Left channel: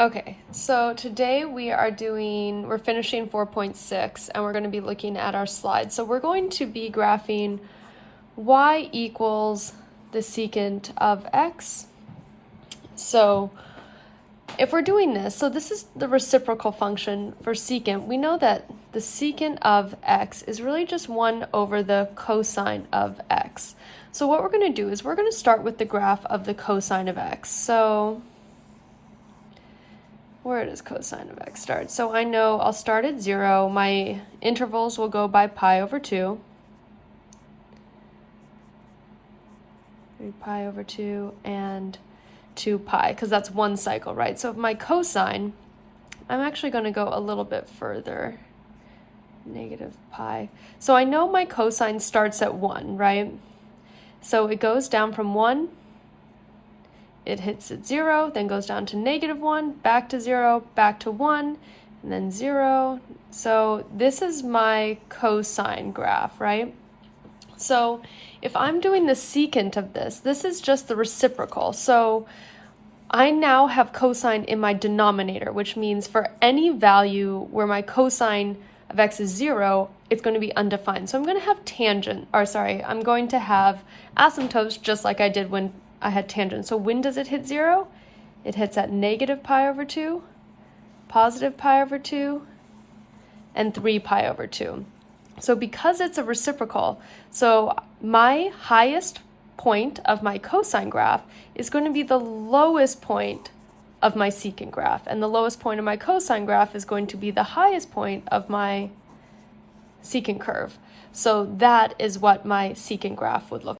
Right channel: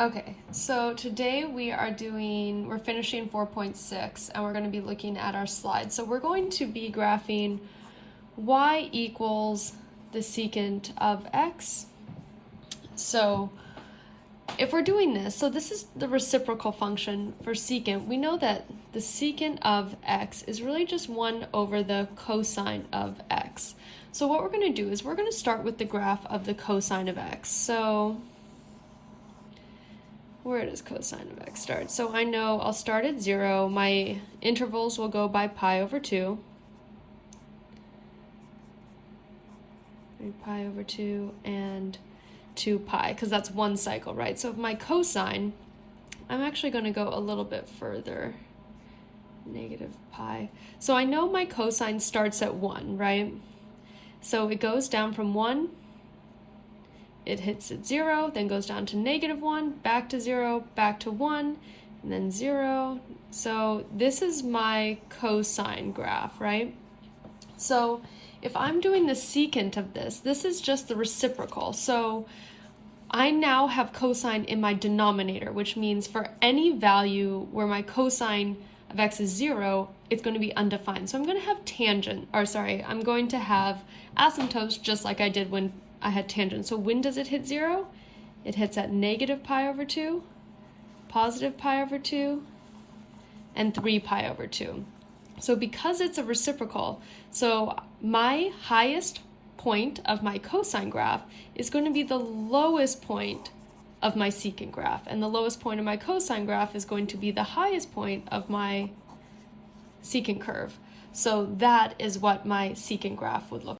Okay, so today we're finishing 4.6 and we're going to be looking at our slides. So we're going to be graphing y equals the secant of x. So if we're doing this, so this is the reciprocal function for secant. We know that the secant of x is really just 1 over the cosine of x. So what we're going to do is we're going to start with the graph of the cosine of x. So where does cosine of x start? So I know I'll start at 0. My intervals will go by pi over 2. And pi over 2 and 2 pi, because that's one cycle, right? So my cosine, I'm actually going to go a little bit further. Negative pi. So I know my cosine starts at 1, right? So it goes down from 1. It hits at 0, then goes down to -1, back to 0, back to 1, and then 0. So this is my cosine graph, right? So if I'm doing the secant of this is just the reciprocal. So I now have cosine in my denominator, which means for any value where my cosine of x is 0, it's going to be undefined. So I'm going to have I'm going to have asymptotes just like I did when I had tangent. So when does it hit 0? It hits at negative pi over 2, positive pi over 2, and 3 pi over 2. So because it's a reciprocal, so my highest point of my cosine graph is going to be the lowest point of my secant graph, and the lowest point of my cosine graph is going to be the highest point of my secant curve. So that is what my secant graph would look like.